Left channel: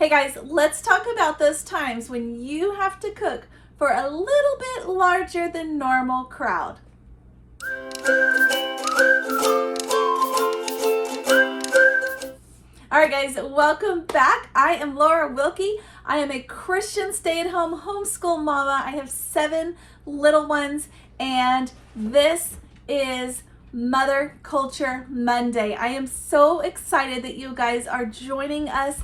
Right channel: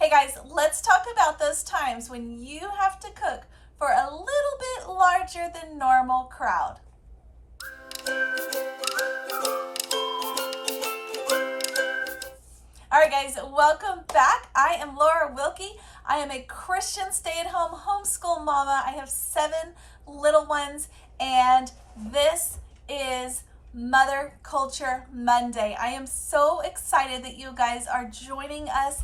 Hey guys, let's talk about those times when you have to cook for a little bit larger than normal crowd. All right guys, welcome back. I am Laura Wilkie. I am a Christian stay-at-home homeschool mama. I have 7 little ones, and this is Mother Culture Monday. I am so excited that you guys are joining us.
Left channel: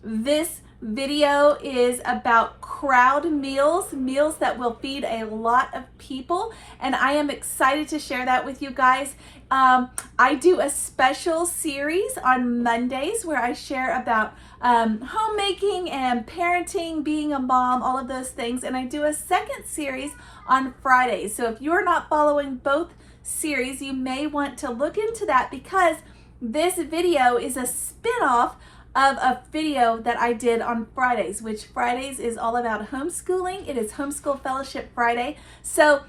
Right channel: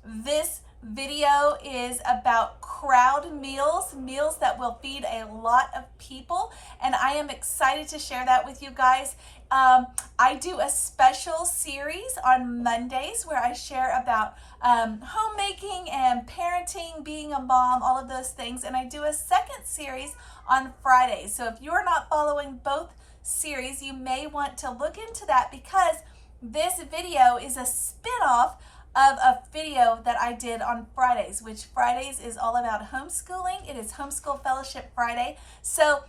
This video is about crowd meals that will feed a lot of people, and I am excited to share that with you guys. I do a special series on Mondays where I share about homemaking and parenting, being a mom, all of those things, and I do a second series on Fridays. So if you're not following both series, you may want to look into that, because this video is a spin-off of a video that I did on Fridays, which Fridays is all about homeschooling. It is Homeschool Fellowship Friday. So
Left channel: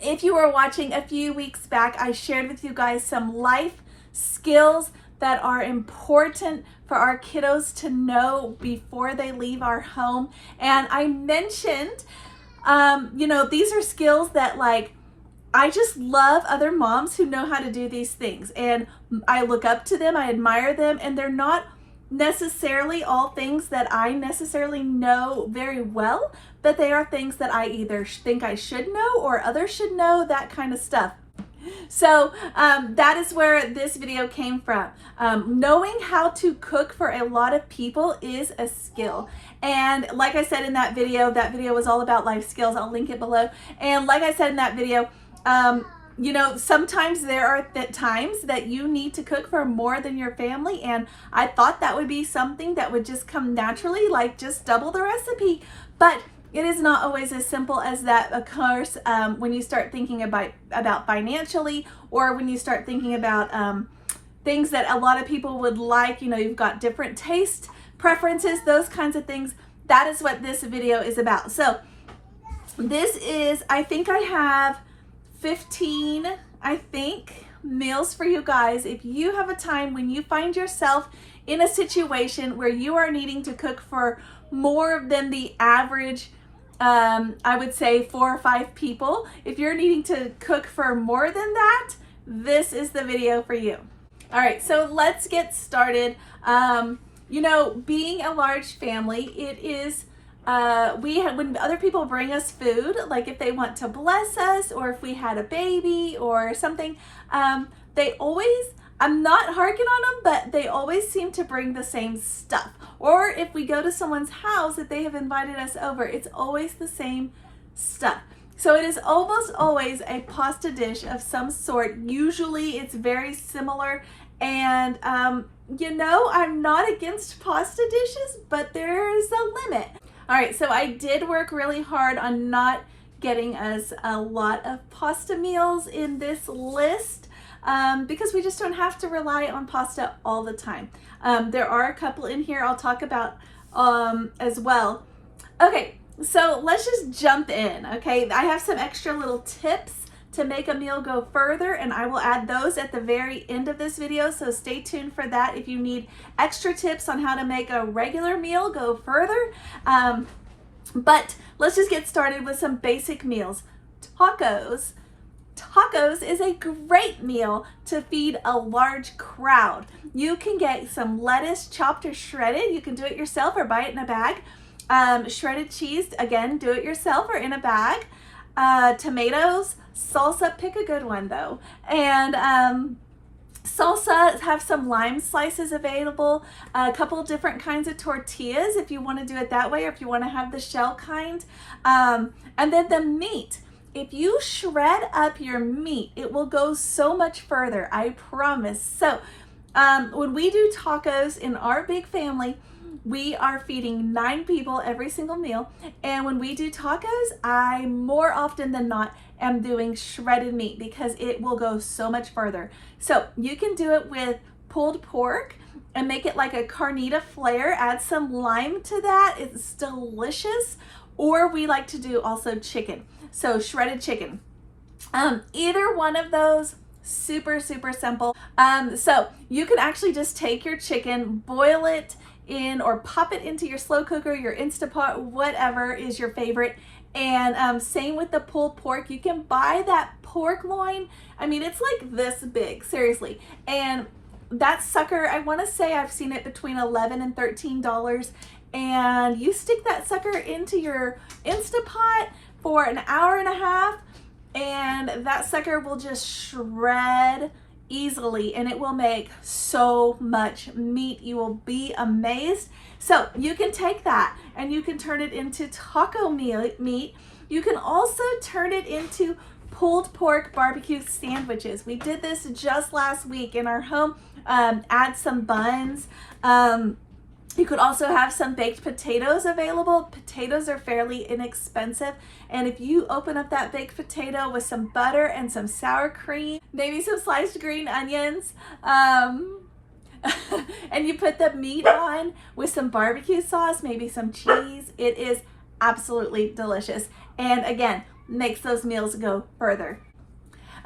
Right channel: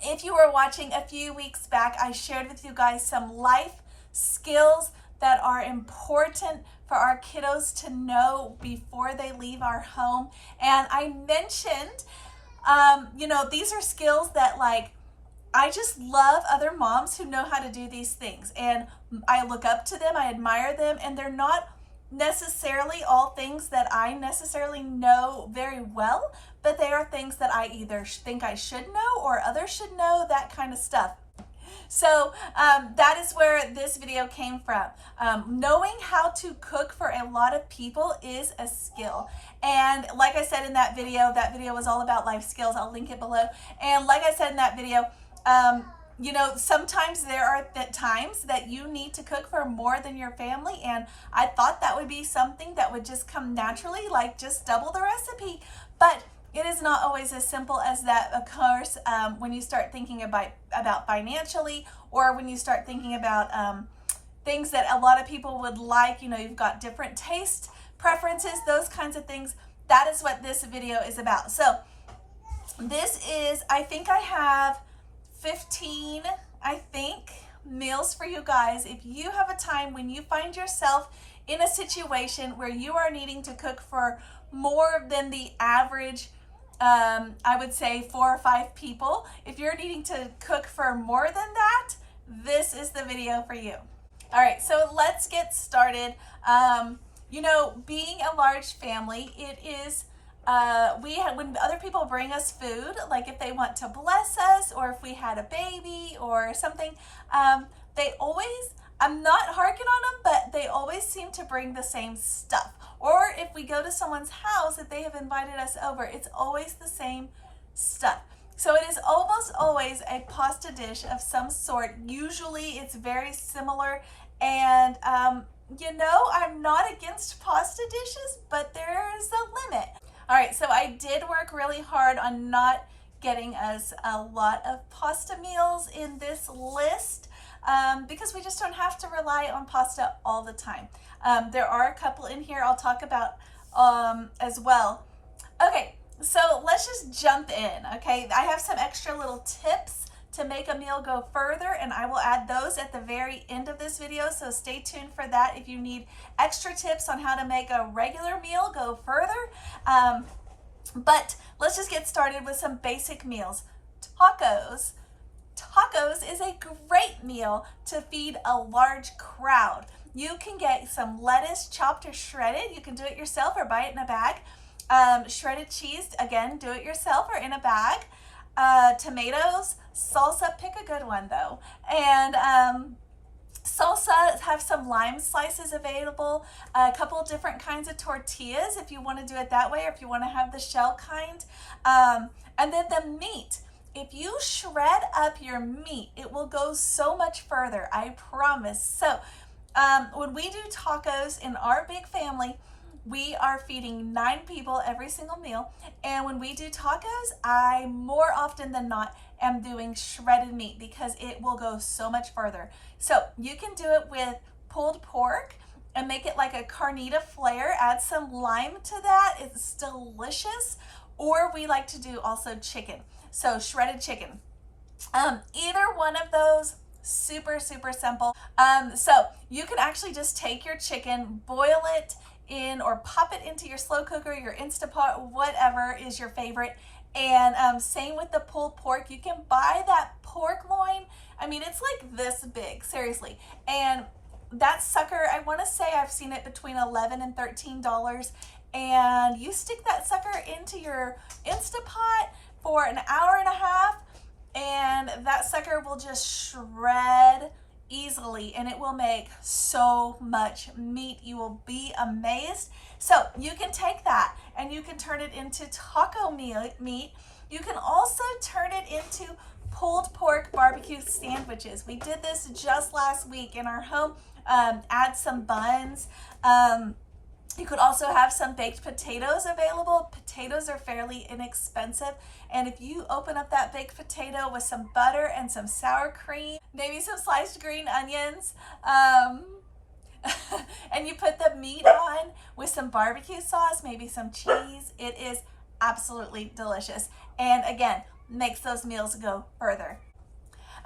if you were watching a few weeks back, I shared with you guys some life skills that are important for our kiddos to know before they leave our home. And I mentioned, these are skills that, like, I just love other moms who know how to do these things. And I look up to them, I admire them, and they're not necessarily all things that I necessarily know very well, but they are things that I either think I should know or others should know, that kind of stuff. So that is where this video came from. Knowing how to cook for a lot of people is a skill. And like I said in that video was all about life skills. I'll link it below. And like I said in that video, sometimes there are times that you need to cook for more than your family, and I thought that would be something that would just come naturally, like just double the recipe. But it is not always as simple as that, of course, when you start thinking about financially, or when you start thinking about things that a lot of people would like. You've got different taste preferences, those kinds of things. That is what this video is about. So this is, I think I have 15, meals for you guys. If you have a time when you find yourself in a situation where you are needing to cook for more than the average, I would say 4 or 5 people, if you're needing to cook for more than that, this is the video for you. All right, so let's get started. Being a large family, it is when other people bring us food, like if they want to bless us, or if we had a baby or something, they always, I'm not harking on them, but they always seem to bring the same stuff. Or if we go to someone's house that they have invited us over, it's always the same stuff. So it is almost always a pasta dish of some sort. Usually it's very similar. And I'm not against pasta dishes, but there is a limit. All right, so I did work really hard on not getting us a lot of pasta meals in this list, because we just don't have to rely on pasta all the time. There are a couple in here I'll talk about as well. Okay, so let's just jump in, okay? I have some extra little tips to make a meal go further, and I will add those at the very end of this video, so stay tuned for that if you need extra tips on how to make a regular meal go further. But let's just get started with some basic meals. Tacos. Tacos is a great meal to feed a large crowd. You can get some lettuce chopped or shredded. You can do it yourself or buy it in a bag. Shredded cheese, again, do it yourself or in a bag. Tomatoes, salsa, pick a good one though, and salsa, have some lime slices available, a couple different kinds of tortillas if you want to do it that way, or if you want to have the shell kind, and then the meat. If you shred up your meat, it will go so much further, I promise. So when we do tacos in our big family, we are feeding 9 people every single meal. And when we do tacos, I more often than not am doing shredded meat, because it will go so much further. So you can do it with pulled pork and make it like a carnita flair. Add some lime to that. It's delicious. Or we like to do also chicken. So shredded chicken. Either one of those, super simple. So you can actually just take your chicken, boil it in or pop it into your slow cooker, your Instapot, whatever is your favorite. And same with the pulled pork. You can buy that pork loin. I mean, it's like this big, seriously. And that sucker, I want to say I've seen it between $11 and $13. And you stick that sucker into your Instapot for an hour and a half, and that sucker will just shred easily, and it will make so much meat. You will be amazed. So you can take that and you can turn it into taco meat. You can also turn it into pulled pork barbecue sandwiches. We did this just last week in our home. Add some buns. You could also have some baked potatoes available. Potatoes are fairly inexpensive. And if you open up that baked potato with some butter and some sour cream, maybe some sliced green onions, and you put the meat on with some barbecue sauce, maybe some cheese, it is absolutely delicious. And again, makes those meals go further.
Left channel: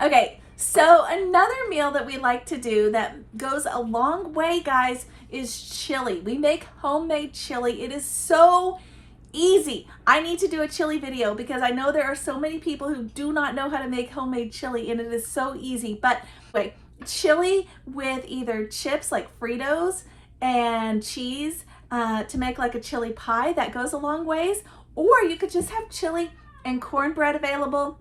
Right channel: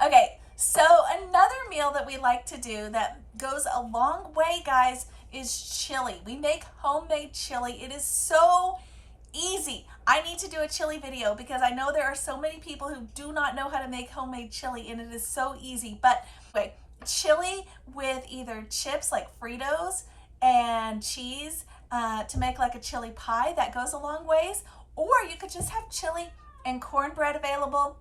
Okay, so another meal that we like to do that goes a long way, guys, is chili. We make homemade chili. It is so easy. I need to do a chili video because I know there are so many people who do not know how to make homemade chili, and it is so easy. But anyway, chili with either chips like Fritos and cheese to make like a chili pie, that goes a long ways. Or you could just have chili and cornbread available.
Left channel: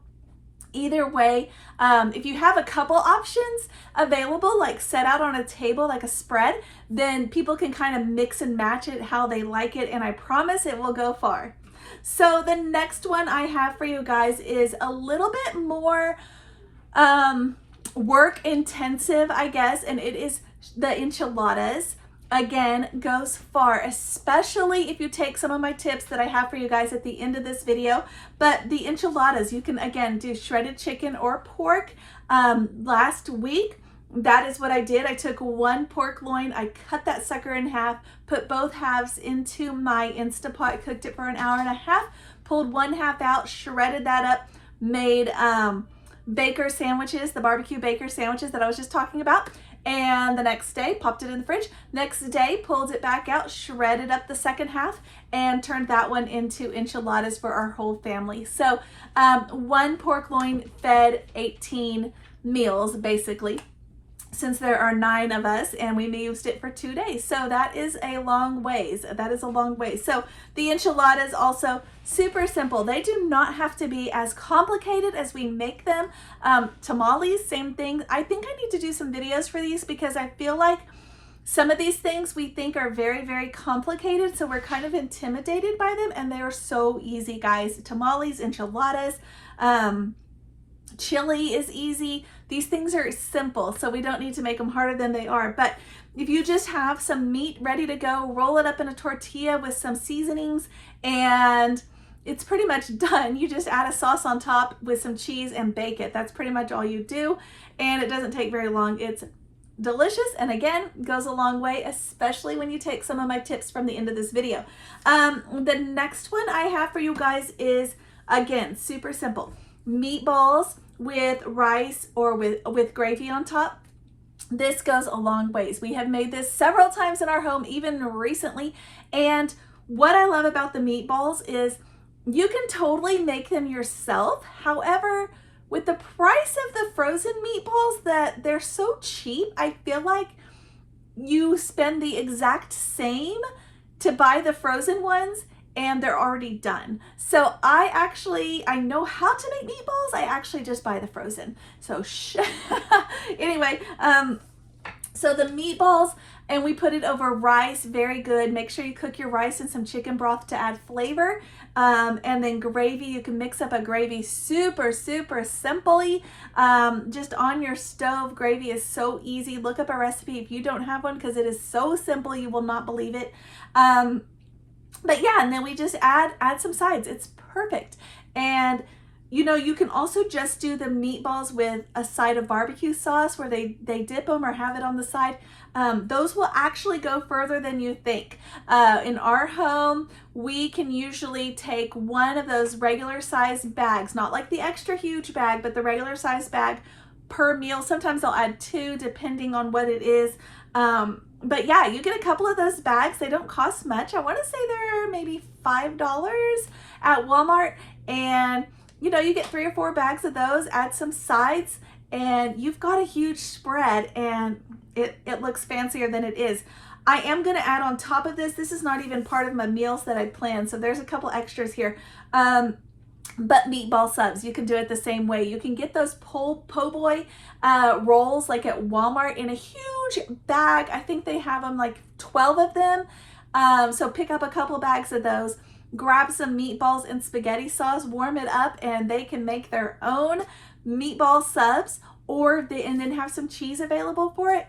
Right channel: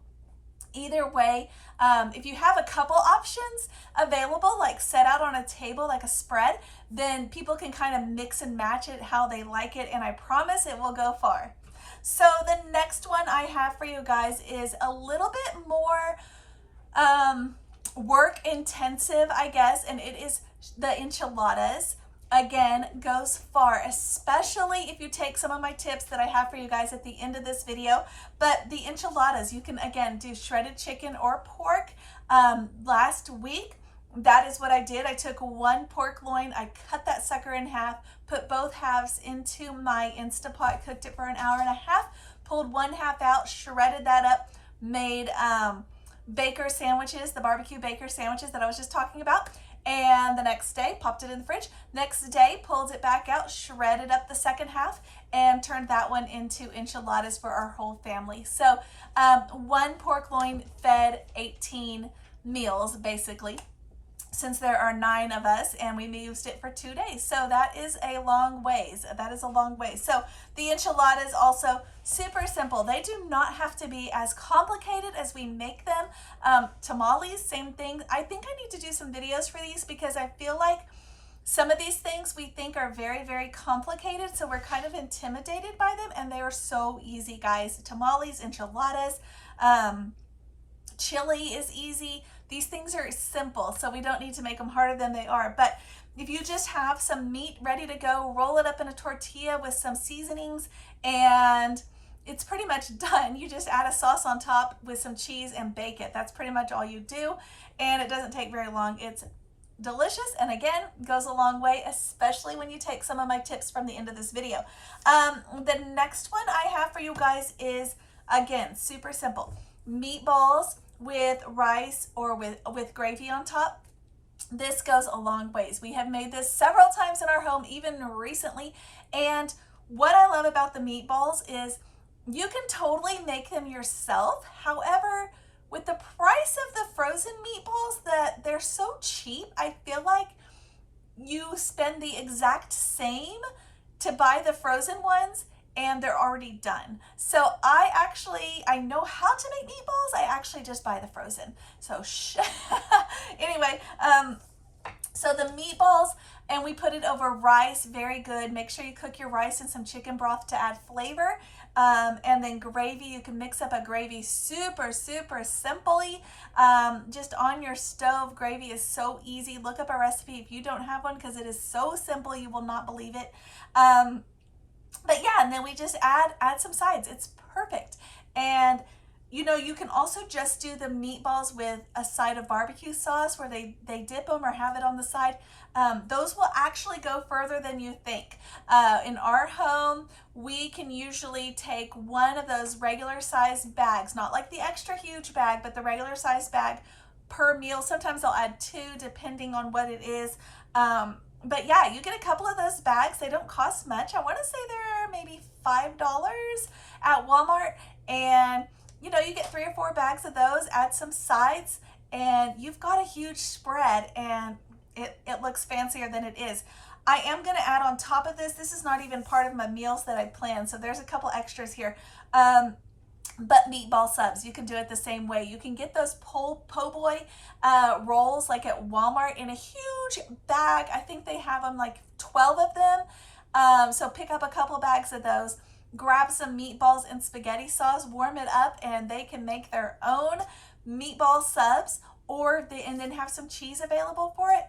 Either way, if you have a couple options available, like set out on a table like a spread, then people can kind of mix and match it how they like it, and I promise it will go far. So the next one I have for you guys is a little bit more work intensive, I guess, and it is the enchiladas. Again, goes far, especially if you take some of my tips that I have for you guys at the end of this video. But the enchiladas, you can again do shredded chicken or pork. Last week, that is what I did. I took one pork loin, I cut that sucker in half, put both halves into my Instapot, cooked it for an hour and a half, pulled one half out, shredded that up, made baker sandwiches, the barbecue baker sandwiches that I was just talking about. And the next day, popped it in the fridge. Next day, pulled it back out, shredded up the second half, and turned that one into enchiladas for our whole family. So one pork loin fed 18 meals, basically, since there are 9 of us, and we used it for 2 days. So that is a long ways. That is a long ways. So the enchiladas also super simple. They do not have to be as complicated as we make them. Tamales, same thing. I think I need to do some videos for these because I feel like some of these things we think are very, very complicated, so we're kind of intimidated by them, and they are so easy, guys. Tamales, enchiladas, chili is easy. These things are simple, so we don't need to make them harder than they are. But if you just have some meat ready to go, roll it up in a tortilla with some seasonings, and it's pretty much done. You just add a sauce on top with some cheese and bake it. That's pretty much all you do, and it doesn't take very long. It's delicious, and again, goes a long way, especially when you take some of my tips from the end of this video. The next one I have for you guys is, again, super simple. Meatballs with rice or with gravy on top. This goes a long ways. We have made this several times in our home, even recently. And what I love about the meatballs is you can totally make them yourself. However, with the price of the frozen meatballs, that they're so cheap, I feel like you spend the exact same to buy the frozen ones, and they're already done. So I know how to make meatballs. I actually just buy the frozen. So anyway, so the meatballs, and we put it over rice, very good. Make sure you cook your rice in some chicken broth to add flavor. And then gravy, you can mix up a gravy super, super simply, just on your stove. Gravy is so easy. Look up a recipe if you don't have one, because it is so simple, you will not believe it. But yeah, and then we just add some sides. It's perfect. And you know, you can also just do the meatballs with a side of barbecue sauce where they dip them or have it on the side. Those will actually go further than you think. In our home, we can usually take one of those regular size bags, not like the extra huge bag, but the regular size bag per meal. Sometimes I'll add 2 depending on what it is. but yeah, you get a couple of those bags. They don't cost much. I want to say they're maybe $5 at Walmart. And you know, you get 3 or 4 bags of those, add some sides, and you've got a huge spread, and it looks fancier than it is. I am going to add on top of this, this is not even part of my meals that I planned, so there's a couple extras here. But meatball subs, you can do it the same way. You can get those po' boy rolls like at Walmart in a huge bag. I think they have them like 12 of them. So pick up a couple bags of those, grab some meatballs and spaghetti sauce, warm it up, and they can make their own meatball subs, and then have some cheese available for it.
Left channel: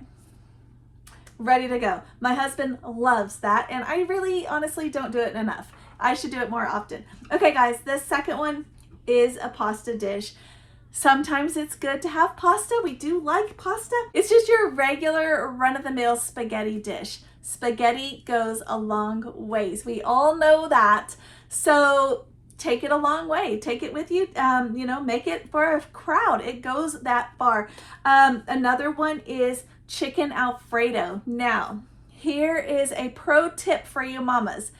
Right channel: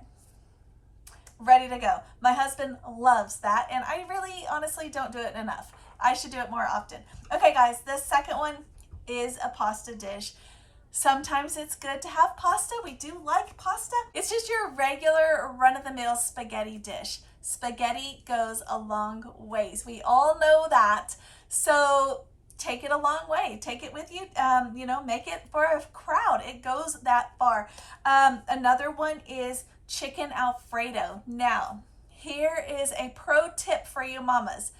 Ready to go. My husband loves that, and I really honestly don't do it enough. I should do it more often. Okay guys, the second one is a pasta dish. Sometimes it's good to have pasta. We do like pasta. It's just your regular run-of-the-mill spaghetti dish. Spaghetti goes a long ways. We all know that. So take it a long way. Take it with you. You know, make it for a crowd. It goes that far. Another one is chicken Alfredo. Now, here is a pro tip for you mamas.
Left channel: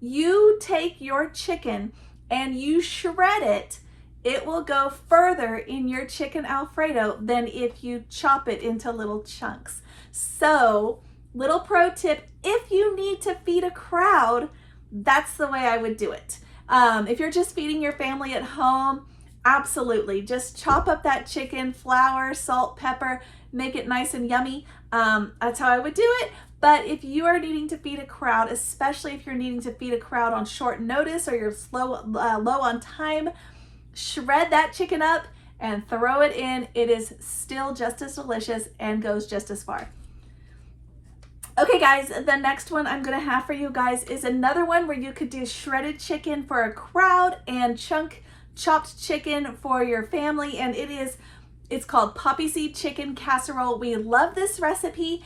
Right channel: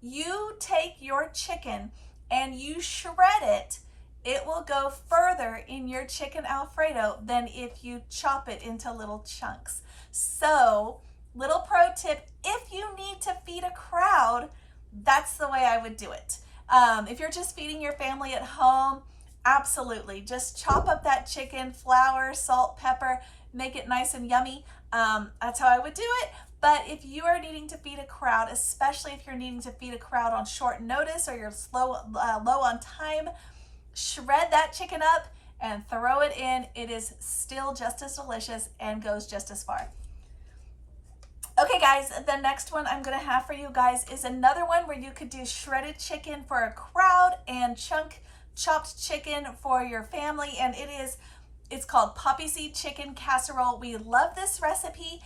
You take your chicken and you shred it, it will go further in your chicken Alfredo than if you chop it into little chunks. So, little pro tip, if you need to feed a crowd, that's the way I would do it. If you're just feeding your family at home, absolutely. Just chop up that chicken, flour, salt, pepper, make it nice and yummy. That's how I would do it. But if you are needing to feed a crowd, especially if you're needing to feed a crowd on short notice or you're low on time, shred that chicken up and throw it in. It is still just as delicious and goes just as far. Okay guys, the next one I'm gonna have for you guys is another one where you could do shredded chicken for a crowd and chopped chicken for your family, and it's called poppy seed chicken casserole. We love this recipe.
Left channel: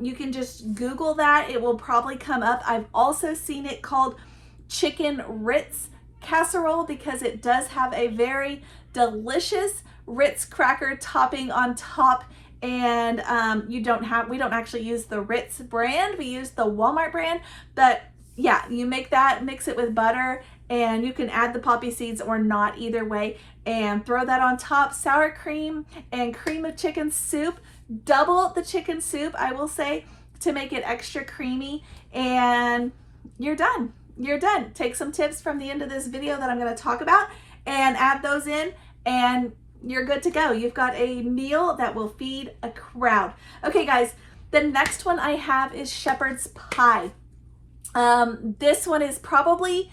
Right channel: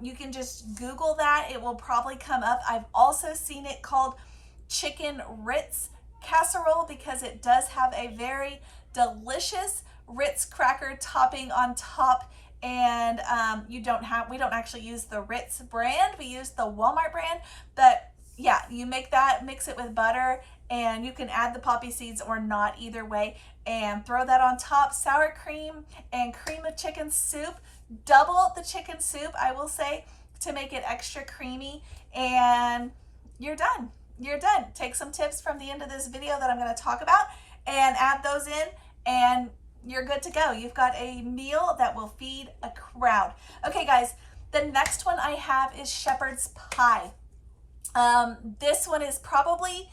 You can just Google that. It will probably come up. I've also seen it called chicken Ritz casserole because it does have a very delicious Ritz cracker topping on top. And we don't actually use the Ritz brand. We use the Walmart brand. But yeah, you make that, mix it with butter, and you can add the poppy seeds or not, either way, and throw that on top. Sour cream and cream of chicken soup. Double the chicken soup, I will say, to make it extra creamy, and you're done. You're done. Take some tips from the end of this video that I'm going to talk about and add those in, and you're good to go. You've got a meal that will feed a crowd. Okay guys, the next one I have is shepherd's pie. This one is probably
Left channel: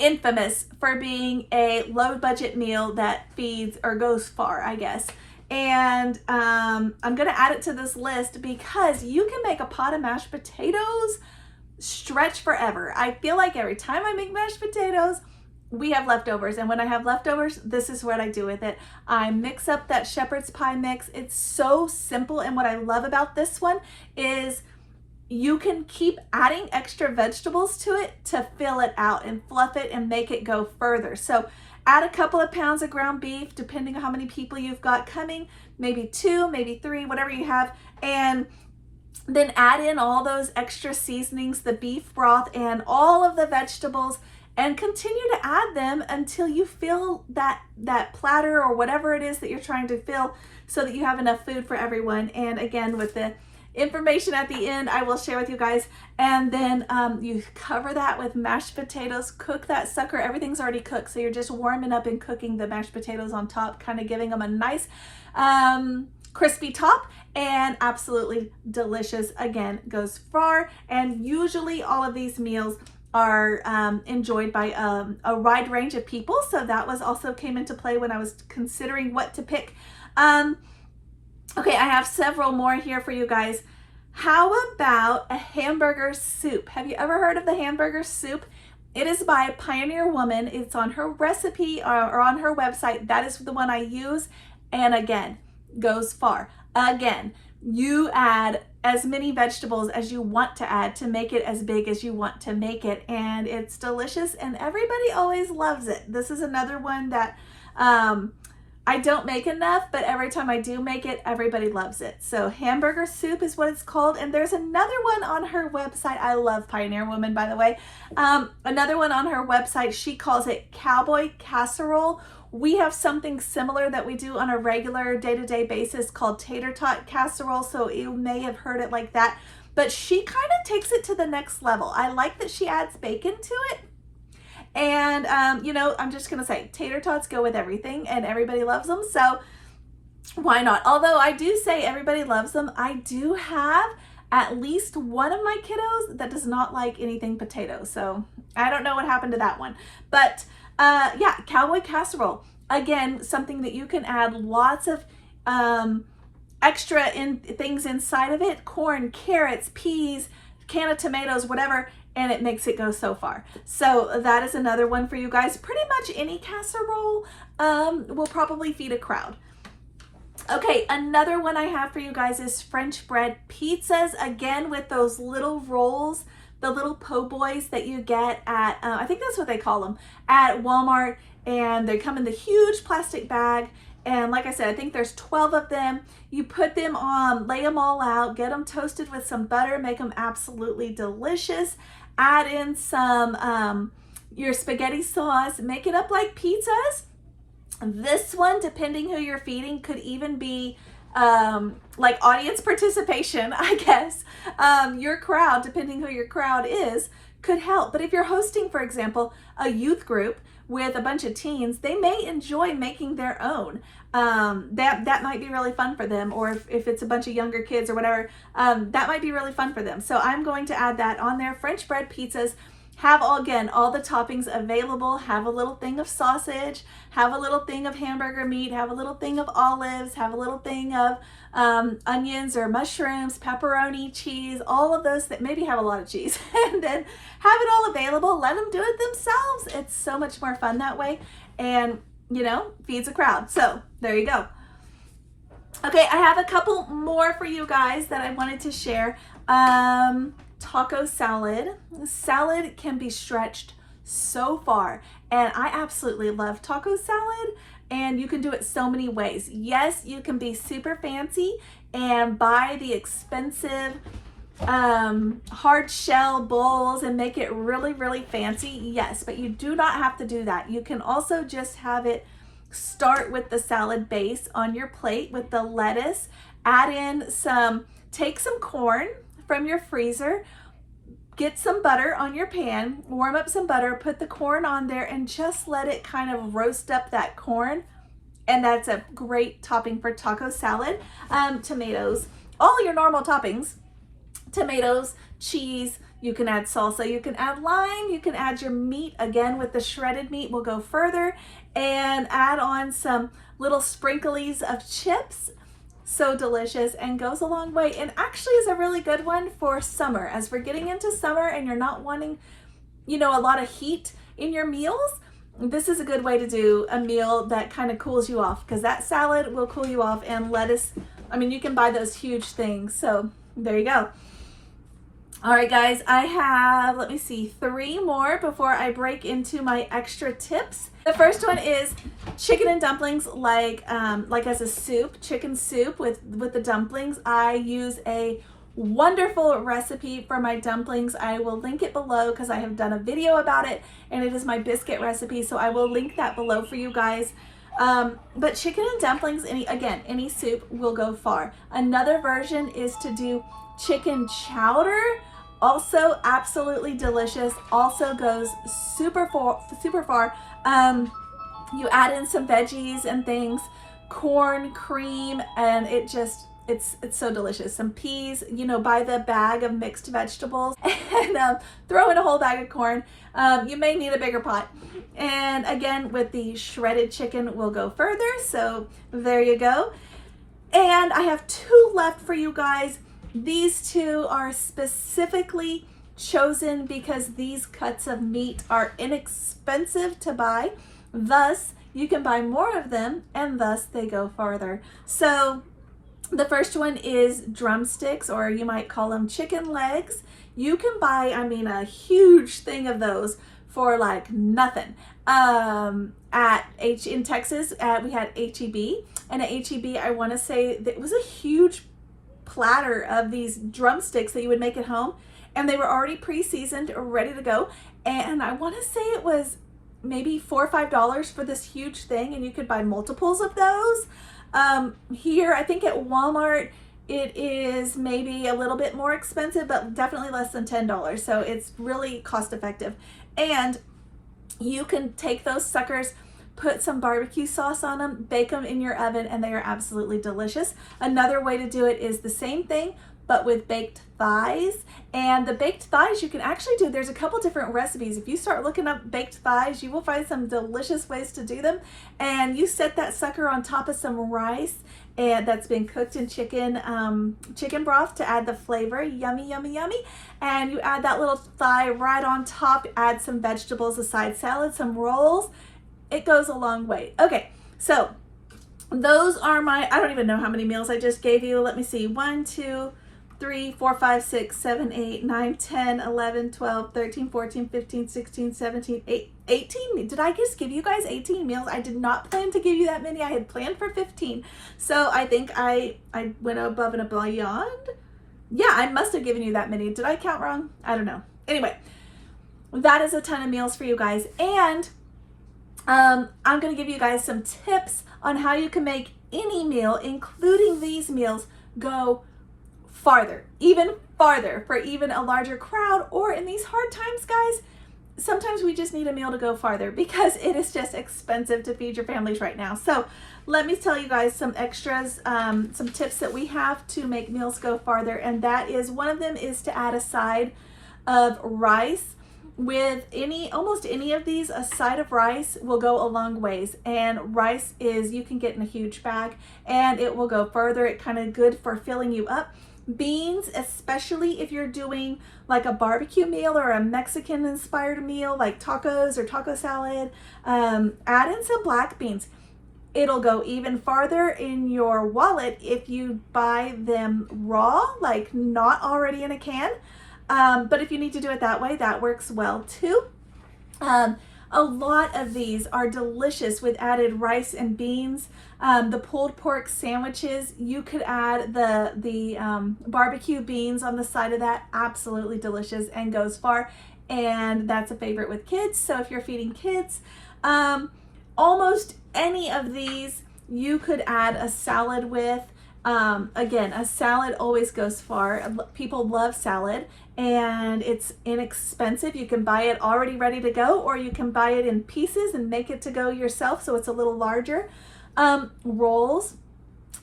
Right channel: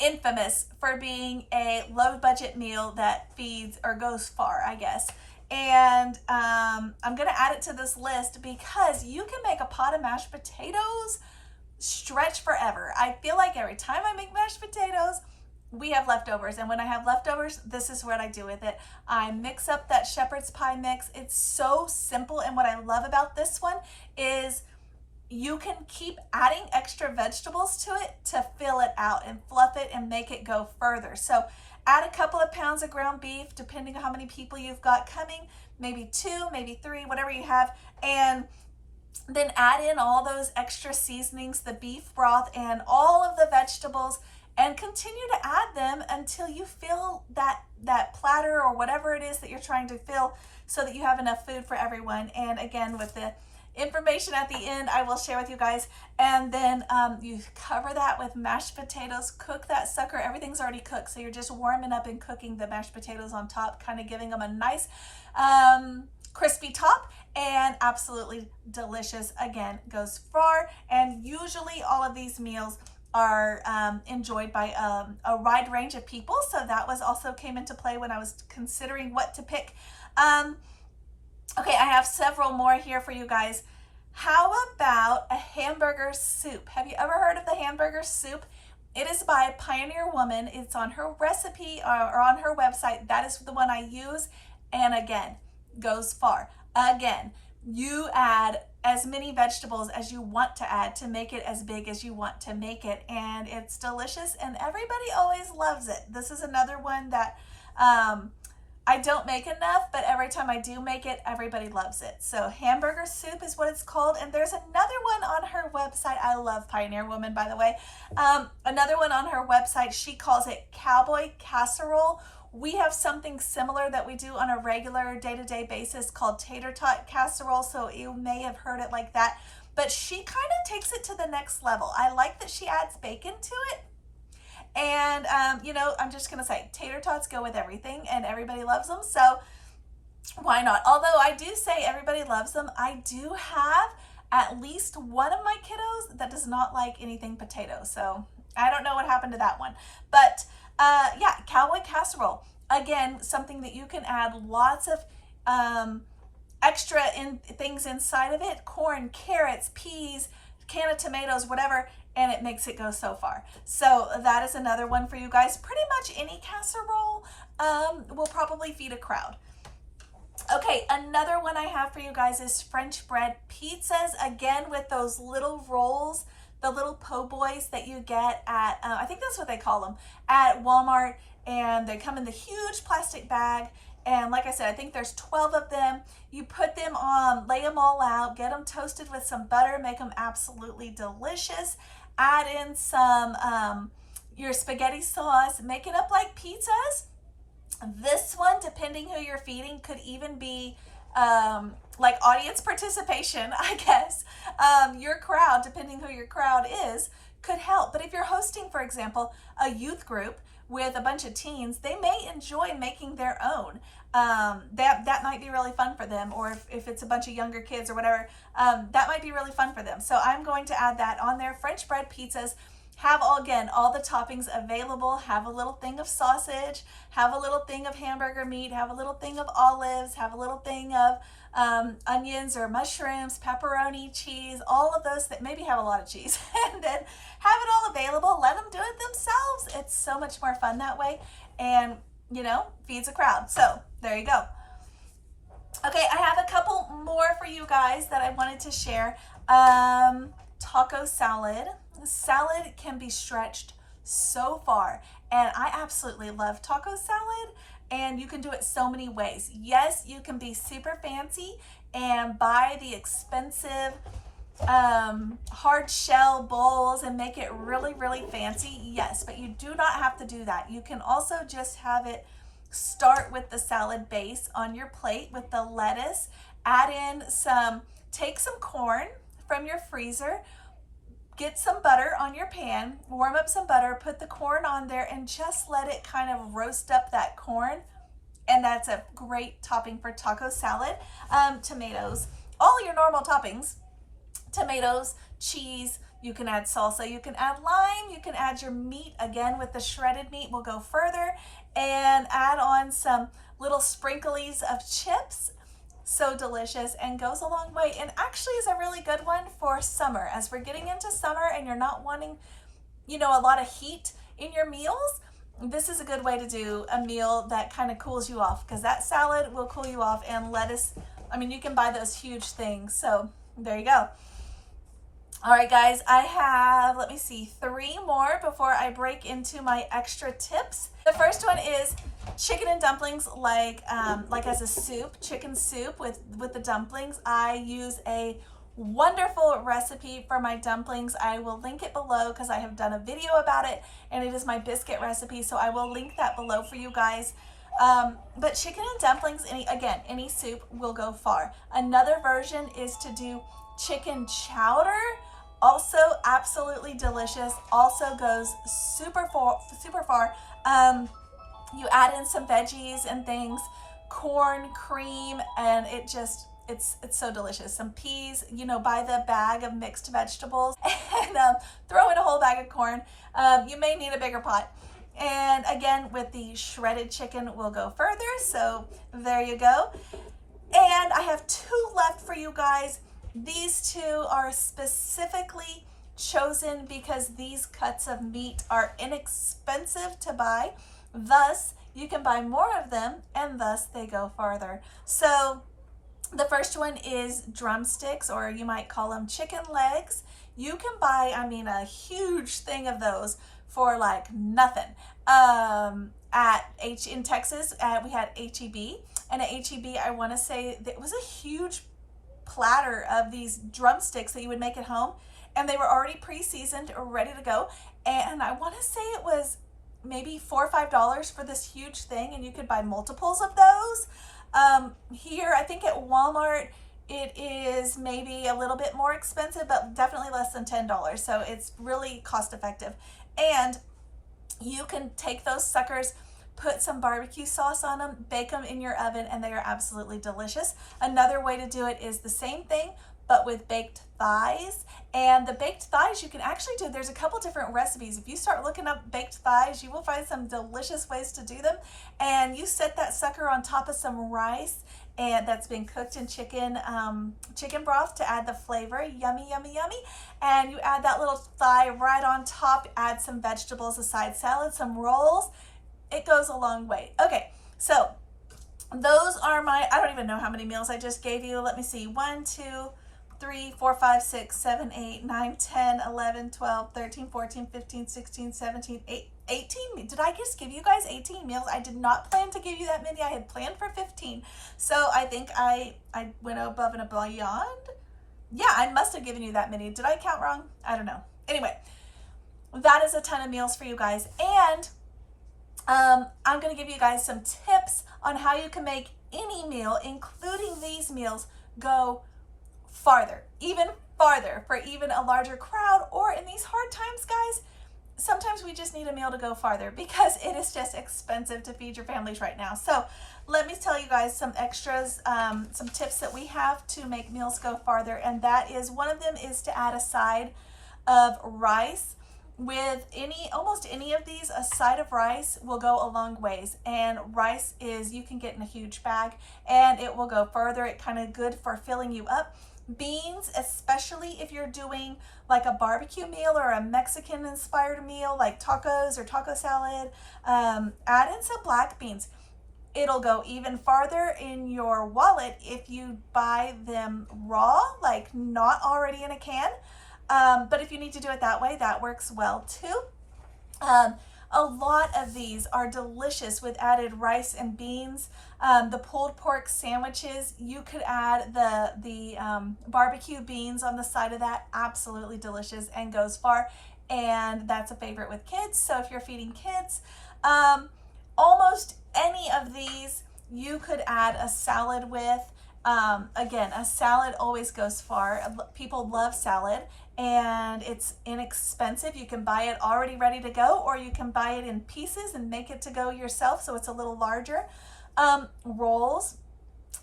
infamous for being a low budget meal that feeds or goes far, I guess. And I'm gonna add it to this list because you can make a pot of mashed potatoes stretch forever. I feel like every time I make mashed potatoes, we have leftovers, and when I have leftovers, this is what I do with it. I mix up that shepherd's pie mix. It's so simple, and what I love about this one is you can keep adding extra vegetables to it to fill it out and fluff it and make it go further. So add a couple of pounds of ground beef, depending on how many people you've got coming, maybe 2, maybe 3, whatever you have, and then add in all those extra seasonings, the beef broth and all of the vegetables, and continue to add them until you fill that platter or whatever it is that you're trying to fill, so that you have enough food for everyone. And again, with the information at the end, I will share with you guys. And then you cover that with mashed potatoes, cook that sucker. Everything's already cooked, so you're just warming up and cooking the mashed potatoes on top, kind of giving them a nice crispy top, and absolutely delicious. Again, goes far. And usually all of these meals are enjoyed by a wide range of people, so that was also came into play when I was considering what to pick. Okay, I have several more here for you guys. How about a hamburger soup? Have you ever heard of the hamburger soup? It is by a Pioneer Woman. It's on her recipe or on her website. That is the one I use, and again, goes far. Again, you add as many vegetables as you want to add to make it as big as you want to make it, and it's delicious, and everybody always loves it. This is another one that I I don't make enough, but every time I do make it, everybody loves it. So hamburger soup is what it's called. And there's another one on her website. I love Pioneer Woman, by the way. Another one on her website, she calls it Cowboy Casserole. We have something similar that we do on a regular day-to-day basis called tater tot casserole. So you may have heard it like that, but she kind of takes it to the next level. I like that she adds bacon to it. And, you know, I'm just going to say tater tots go with everything and everybody loves them. So why not? Although I do say everybody loves them, I do have at least one of my kiddos that does not like anything potato. So I don't know what happened to that one. But yeah, Cowboy Casserole. Again, something that you can add lots of extra things inside of it. Corn, carrots, peas, can of tomatoes, whatever. And it makes it go so far. So that is another one for you guys. Pretty much any casserole will probably feed a crowd. Okay, another one I have for you guys is French bread pizzas. Again, with those little rolls, the little po' boys that you get at, I think that's what they call them, at Walmart. And they come in the huge plastic bag. And like I said, I think there's 12 of them. You put them on, lay them all out, get them toasted with some butter, make them absolutely delicious. Add in some your spaghetti sauce, make it up like pizzas. This one, depending who you're feeding, could even be like audience participation, I guess. Your crowd, depending who your crowd is, could help. But if you're hosting, for example, a youth group with a bunch of teens, they may enjoy making their own. That might be really fun for them. Or if it's a bunch of younger kids or whatever, that might be really fun for them. So I'm going to add that on there. French bread pizzas have all the toppings available. Have a little thing of sausage, have a little thing of hamburger meat, have a little thing of olives, have a little thing of onions or mushrooms, pepperoni, cheese, all of those that maybe have a lot of cheese, and then have it all available. Let them do it themselves. It's so much more fun that way, and you know, feeds a crowd. So there you go. Okay, I have a couple more for you guys that I wanted to share. Taco salad. Salad can be stretched so far, and I absolutely love taco salad, and you can do it so many ways. Yes, you can be super fancy and buy the expensive hard shell bowls and make it really, really fancy. Yes, but you do not have to do that. You can also just have it start with the salad base on your plate with the lettuce, add in take some corn from your freezer, get some butter on your pan, warm up some butter, put the corn on there, and just let it kind of roast up that corn. And that's a great topping for taco salad. Tomatoes, all your normal toppings, tomatoes, cheese, you can add salsa, you can add lime, you can add your meat. Again, with the shredded meat, we'll go further and add on some little sprinklies of chips. So delicious and goes a long way, and actually is a really good one for summer. As we're getting into summer and you're not wanting, you know, a lot of heat in your meals, this is a good way to do a meal that kind of cools you off, because that salad will cool you off. And lettuce, I mean, you can buy those huge things. So there you go. All right, guys, I have, let me see, 3 more before I break into my extra tips. The first one is chicken and dumplings, like as a soup, chicken soup with the dumplings. I use a wonderful recipe for my dumplings. I will link it below because I have done a video about it, and it is my biscuit recipe. So I will link that below for you guys. But chicken and dumplings, any soup will go far. Another version is to do chicken chowder. Also absolutely delicious, also goes super far. You add in some veggies and things, corn, cream, and it's so delicious. Some peas, you know, buy the bag of mixed vegetables and throw in a whole bag of corn. You may need a bigger pot. And again, with the shredded chicken, we'll go further. So there you go. And I have 2 left for you guys. These 2 are specifically chosen because these cuts of meat are inexpensive to buy. Thus, you can buy more of them, and thus they go farther. So the first one is drumsticks, or you might call them chicken legs. You can buy, I mean, a huge thing of those for like nothing. in Texas, we had HEB, and at HEB, I want to say that it was a huge platter of these drumsticks that you would make at home, and they were already pre-seasoned, ready to go. And I want to say it was maybe $4 or $5 for this huge thing, and you could buy multiples of those. Here, I think at Walmart, it is maybe a little bit more expensive, but definitely less than $10. So it's really cost effective. And you can take those suckers, put some barbecue sauce on them, bake them in your oven, and they are absolutely delicious. Another way to do it is the same thing, but with baked thighs. And the baked thighs you can actually do, there's a couple different recipes. If you start looking up baked thighs, you will find some delicious ways to do them. And you set that sucker on top of some rice and that's been cooked in chicken broth to add the flavor. Yummy, yummy, yummy. And you add that little thigh right on top, add some vegetables, a side salad, some rolls. It goes a long way. Okay, so those are my, I don't even know how many meals I just gave you. Let me see, 1, 2, 3, 4, 5, 6, 7, 8, 9, 10, 11, 12, 13, 14, 15, 16, 17, 18. Did I just give you guys 18 meals? I did not plan to give you that many. I had planned for 15. So I think I went above and beyond. Yeah, I must have given you that many. Did I count wrong? I don't know. Anyway, that is a ton of meals for you guys. And I'm going to give you guys some tips on how you can make any meal, including these meals, go farther, even farther for even a larger crowd, or in these hard times, guys, sometimes we just need a meal to go farther because it is just expensive to feed your families right now. So let me tell you guys some extras, some tips that we have to make meals go farther. And that is, one of them is to add a side of rice. With almost any of these, a side of rice will go a long ways. And rice is, you can get in a huge bag and it will go further. It kind of good for filling you up. Beans, especially if you're doing like a barbecue meal or a Mexican inspired meal like tacos or taco salad, add in some black beans. It'll go even farther in your wallet if you buy them raw, like not already in a can. But if you need to do it that way, that works well too. A lot of these are delicious with added rice and beans. The pulled pork sandwiches, you could add the barbecue beans on the side of that. Absolutely delicious and goes far. And that's a favorite with kids. So if you're feeding kids, almost any of these you could add a salad with. Again, a salad always goes far. People love salad and it's inexpensive. You can buy it already ready to go, or you can buy it in pieces and make it to go yourself so it's a little larger. Rolls,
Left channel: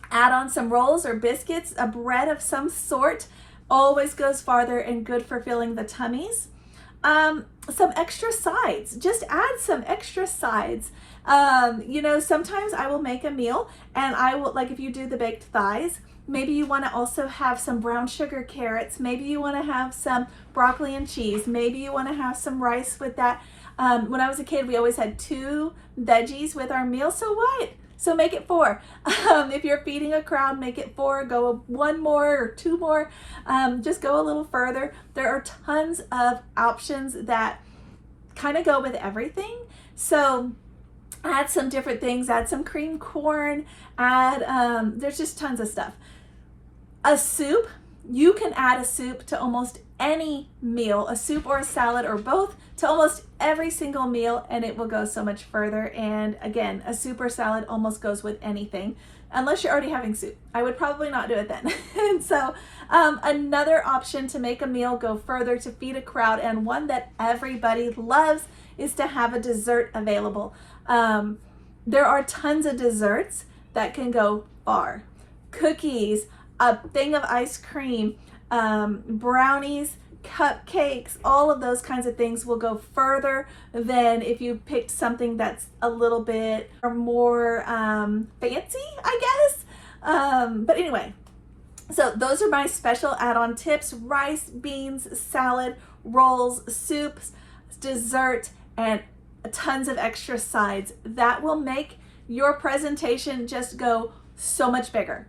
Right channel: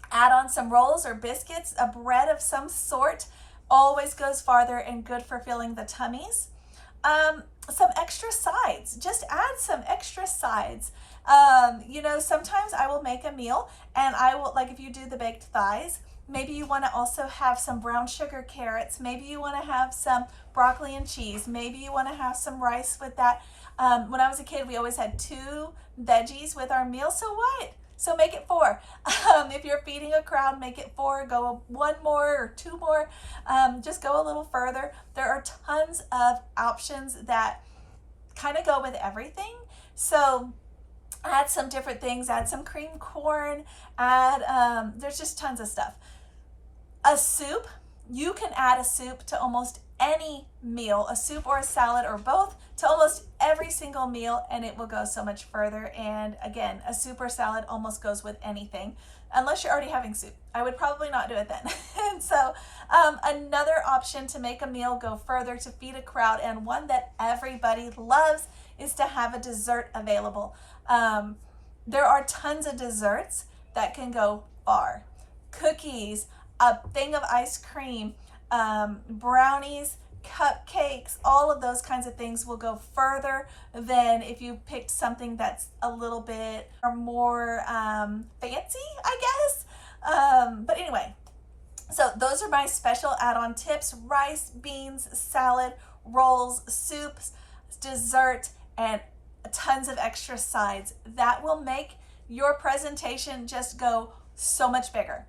add on some rolls or biscuits. A bread of some sort always goes farther and good for filling the tummies. Some extra sides, just add some extra sides. You know, sometimes I will make a meal and I will, like if you do the baked thighs, maybe you want to also have some brown sugar carrots. Maybe you want to have some broccoli and cheese. Maybe you want to have some rice with that. When I was a kid, we always had 2 veggies with our meal. So what? So make it 4. If you're feeding a crowd, make it 4. Go 1 more or 2 more. Just go a little further. There are tons of options that kind of go with everything. So add some different things. Add some cream corn. Add, there's just tons of stuff. A soup, you can add a soup to almost any meal, a soup or a salad or both, to almost every single meal, and it will go so much further. And again, a soup or salad almost goes with anything, unless you're already having soup. I would probably not do it then. And so another option to make a meal go further to feed a crowd, and one that everybody loves, is to have a dessert available. There are tons of desserts that can go far. Cookies, a thing of ice cream, brownies, cupcakes, all of those kinds of things will go further than if you picked something that's a little bit more fancy, I guess. But anyway, so those are my special add-on tips: rice, beans, salad, rolls, soups, dessert, and tons of extra sides. That will make your presentation just go so much bigger.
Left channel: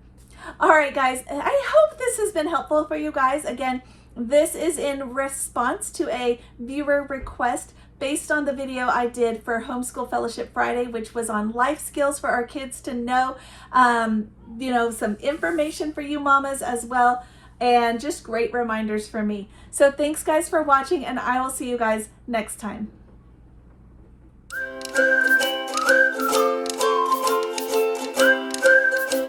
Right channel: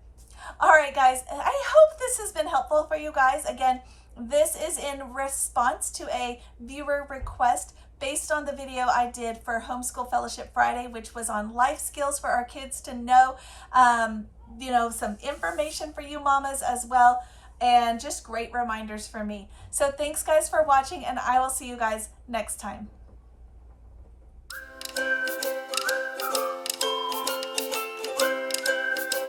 All right, guys, I hope this has been helpful for you guys. Again, this is in response to a viewer request. based on the video I did for Homeschool Fellowship Friday, which was on life skills for our kids to know, you know, some information for you mamas as well, and just great reminders for me. So thanks guys for watching, and I will see you guys next time.